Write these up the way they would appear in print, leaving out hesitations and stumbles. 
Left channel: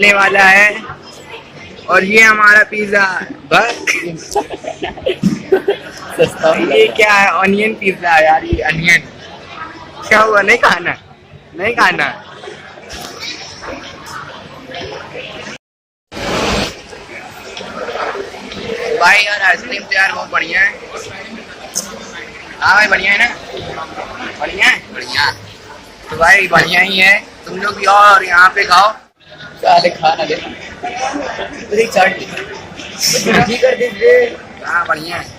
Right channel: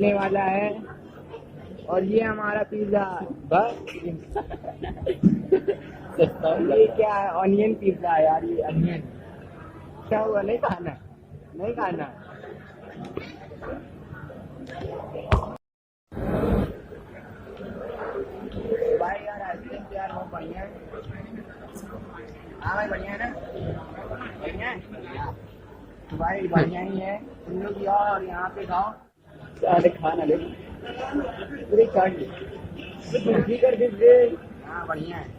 ले वाला है और ये हमारा पिज्जा बस। ये क्या है? ऑनियन पिज्जा यार, ये अनियन क्या हुआ? नहीं खाना, नहीं खाना। भाई यार आइसक्रीम तो यार बहुत बढ़िया है। हाँ भाई बढ़िया है ना? बढ़िया है, बढ़िया। तो भाई बढ़िया ही है, तुम लोग भी आओ और यहाँ पे खाओ। साले खाना दे चाट कर दीजिए। हाँ बढ़िया है।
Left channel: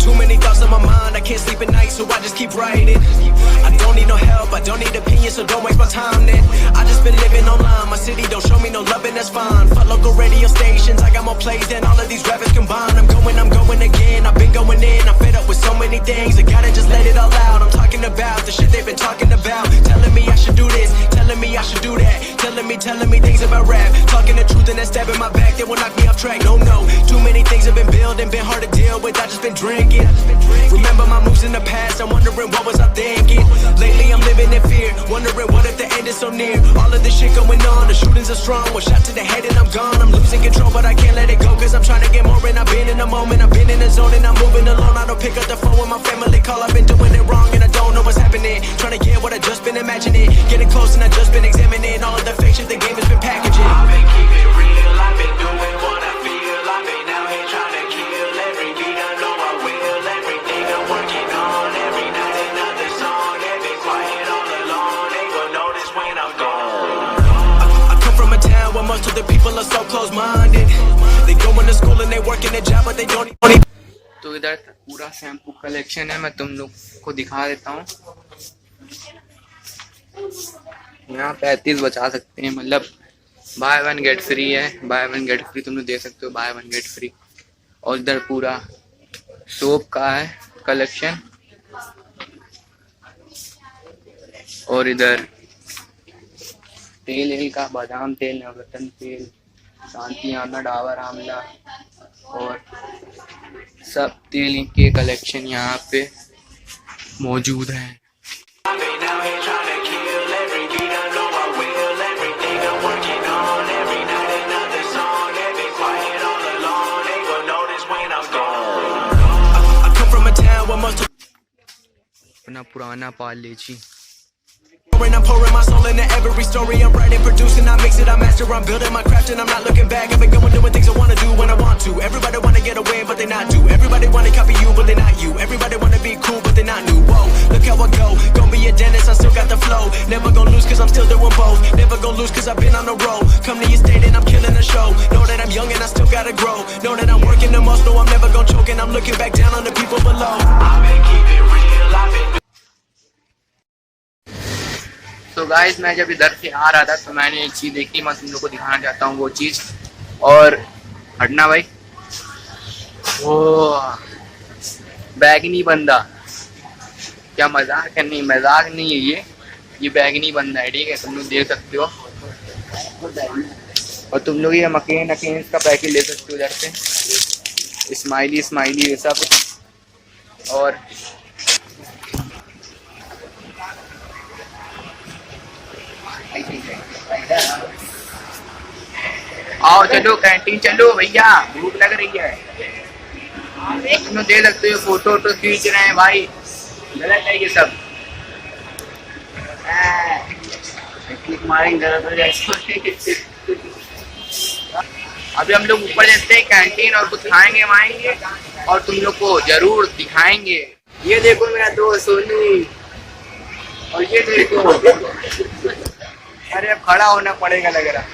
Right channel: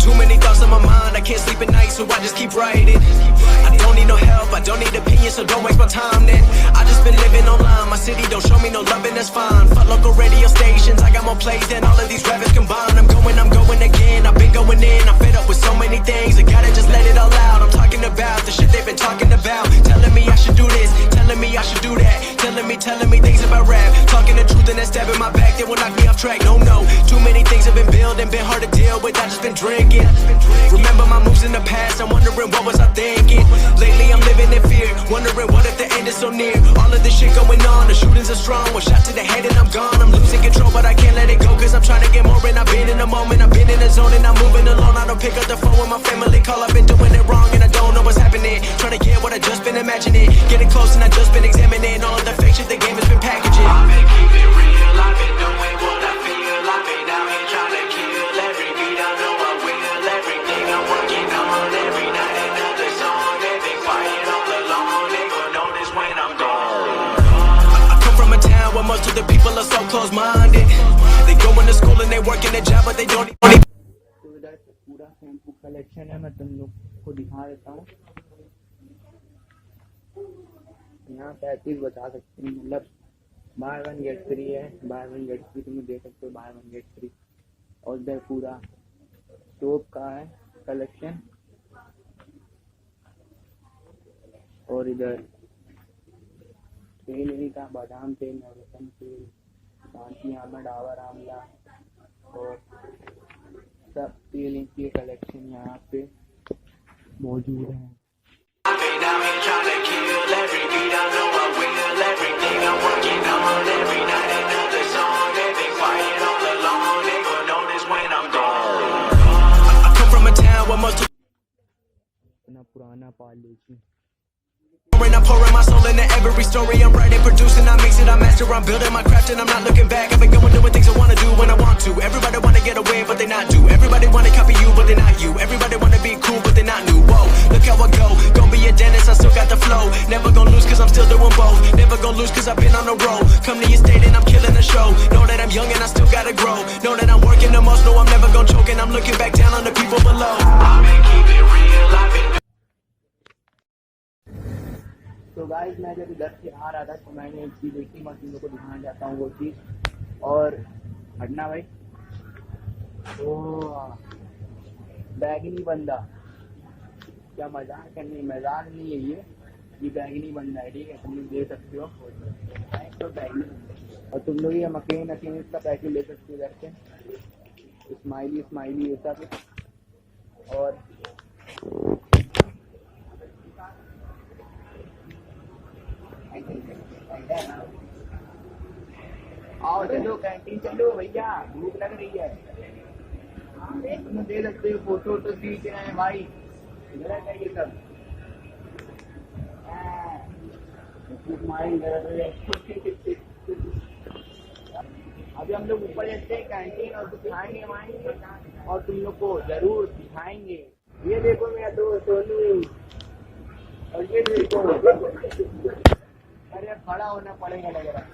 Too many thoughts on my mind, I can't sleep at night, so I just keep writing. I don't need no help, I don't need opinions, so don't waste my time then. I just been living online, my city don't show me no love and that's fine. Fuck local radio stations, I got more plays than all of these rappers combined. I'm going again, I've been going in, I'm fed up with so many things, I gotta just let it all out. I'm talking about the shit they've been talking about, telling me I should do this, telling me I should do that, telling me things about rap, talking the truth and then stabbing my back, they will knock me off track. No, too many things have been building, been hard to deal with, I just been drinking. Remember my moves in the past, I'm wondering what was I thinking. Lately I'm living in fear, wondering what if the end is so near. All of this shit going on, the shootings are strong, one shot to the head and I'm gone. I'm losing control but I can't let it go, cause I'm trying to get more. And I've been in the moment, I've been in the zone, and I'm moving alone. I don't pick up the phone when my family call, I've been doing it wrong and I don't know what's happening. Trying to get what I just been imagining, getting close and I just been examining all of the fake shit the game has been packaging. I've been keeping it real, I've been doing what I feel, I've been out here trying to kill every beat, I know I will, everything I'm working on, every night another song, they've been quiet all along, they gon' notice when I'm gone. I come from a town where most of the people are so close-minded, they go into school and they work in a job but they don't even. तो इधर पूरा shampoo collection है, मैं तुम लोग को दिखा देता हूँ। यहाँ 35 बचा सकते हैं, मतलब बाय वन गेट फ्री है, बाय वन गेट फ्री तुम लोग दे सकते हो, बाय वन गेट फ्री। और इधर पूरा सोप का है कलेक्शन, और इधर तेल का बादाम तेल, नवरत्न तेल, शांति आना, डाबर आमला और सब तेल के कलेक्शन यहाँ पे मौजूद है। अपना पुराना Parle G. I'm pouring my soul into every story I'm writing, producing, I mix it, I master, I'm building my craft and I'm not looking back. I've been going doing things I wanna do when I want to. Everybody wanna get away but they not do. Everybody wanna copy you but they not you. Everybody wanna be cool but they not new. Whoa, look how I go, gonna be a dentist, I still got the flow. Never gonna lose cause I'm still doing both. Never gonna lose cause I've been on the road. Come to your state and I'm killing the show. Know that I'm young and I still gotta grow. Know that I'm working the most, know I'm never gonna choke, and I'm looking back down on the people below. I've been keeping real, I've been. तो guys मैं जब इधर से आ रहा था तो मैंने एक चीज़ देखी, मैं तुम लोग को दिखाना चाहता हूँ वो चीज़। और हटना भाई, वो बैगनी बंदा, क्या मजाक है? नहीं मजाक नहीं है, ये बैगनी बंदा है, ठीक है? तुम लोग देख सकते हो, और तुम लोग ये मकेन का पैकेट ले सकते हो इधर से, स्माइली स्माइली ये सब। और आओ चलो कैंटीन चलो भैया, भूख लग रही है। तुम दे सकते हो, फोटो वोटो खींच रहे हैं भाई, गलत है ये सब। अभी हम लोग ऊपर जाते हैं कैंटीन और कुछ खाएंगे वाएंगे और तुम लोग को जरूर दिखाएंगे। ये देखो मेरा दोस्त सोनी, और ये देखो, अरे अब खड़ा होना पड़ेगा लग रहा।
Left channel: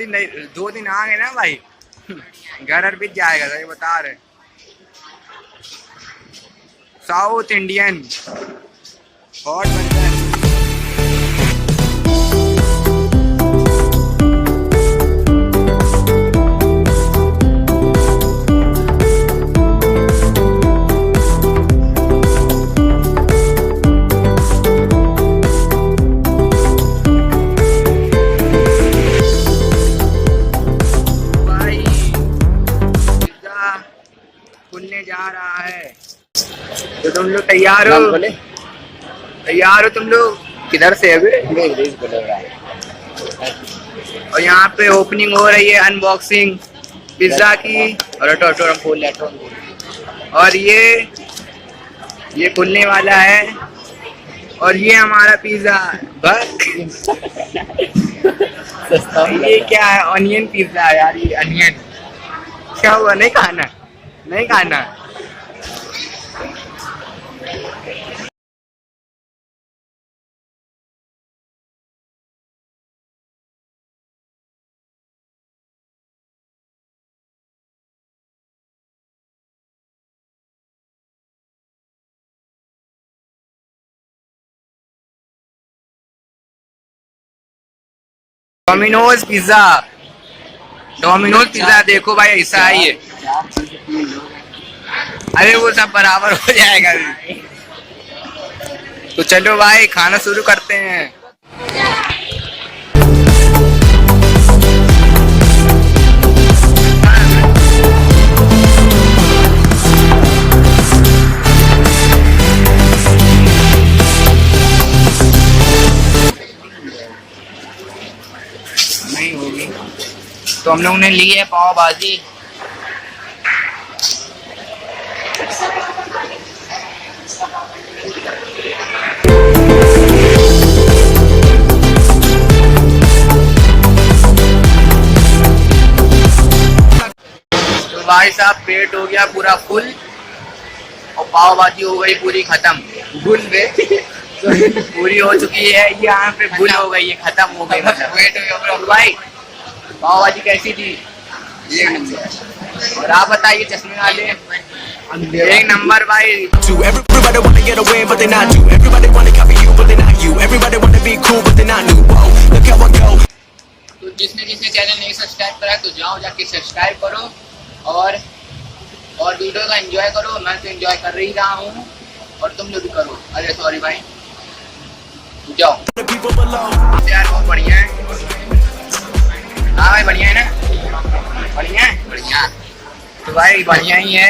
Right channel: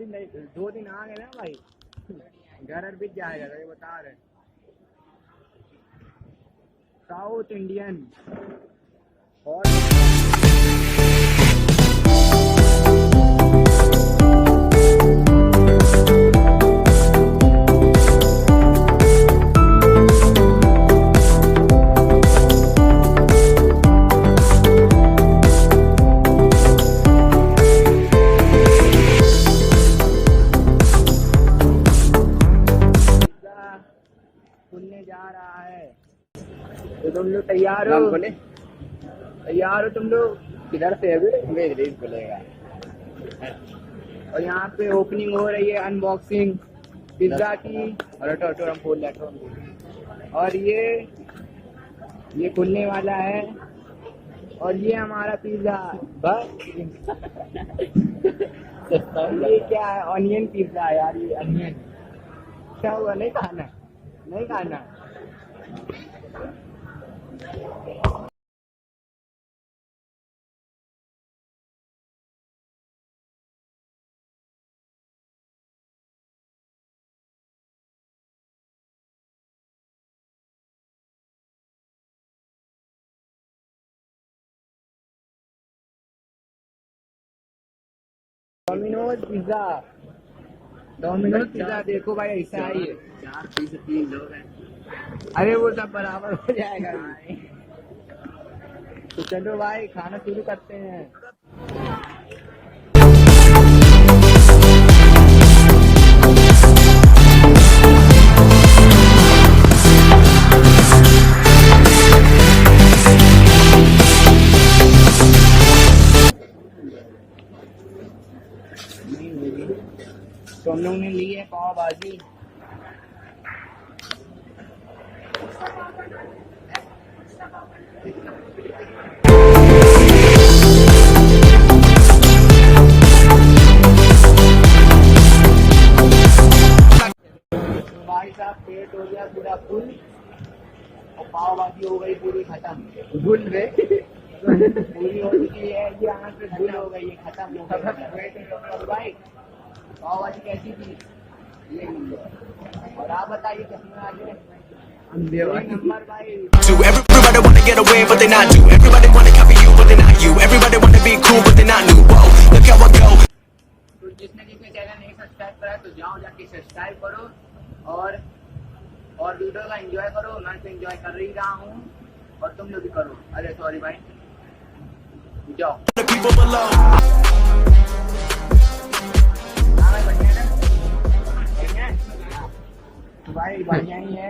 दो दिन आ गए ना भाई, घर बीत जाएगा, सही बता रहे। South Indian hot. खुलने जा रहा है, तो तुम लोग तैयार हो? तैयार हो तुम लोग? किधर से अभी? और यहाँ पे ओपनिंग हो रही है, अनबॉक्सिंग पिज्जा की। और खोल ले। और ये खुलने वाला है, और ये हमारा पिज्जा। बस ये क्या है? ऑनियन पिज्जा है यार, ये अनियन। क्या हुआ, नहीं खाना? नहीं खाना? डोमिनोज पिज्जा देखो भाई, ऐसा है ये। अरे वो सब बराबर हो जाएगा। तो चलो भाई, खाना शुरू करते हैं। नहीं होगी तो हम लोग ने ली है पाव भाजी। तो भाई साहब, पेट हो गया पूरा फुल और पाव भाजी हो गई पूरी खत्म। गुल में पूरी हो चुकी है, यहाँ पे भूल हो गई है, खत्म हो गई। वेट हो गया भाई। पाव भाजी कैसी थी? और आप बताइए चश्मे वाले। एक नंबर भाई। Everybody wanna get a win, but they not do. Everybody wanna copy you, but they not you. Everybody wanna be cool, but they not new. Whoa, look how I go. तो जिसने channel नहीं subscribe करा तो जाओ जाके subscribe करो और video का एंजॉय करो। मैं तो एंजॉय कर ही रहा हूँ और तुम लोग भी करो। अरे सॉरी भाई, जाओ यार। बहुत बढ़िया है। हाँ भाई, बढ़िया है ना? बढ़िया। तो भाई बढ़िया ही है।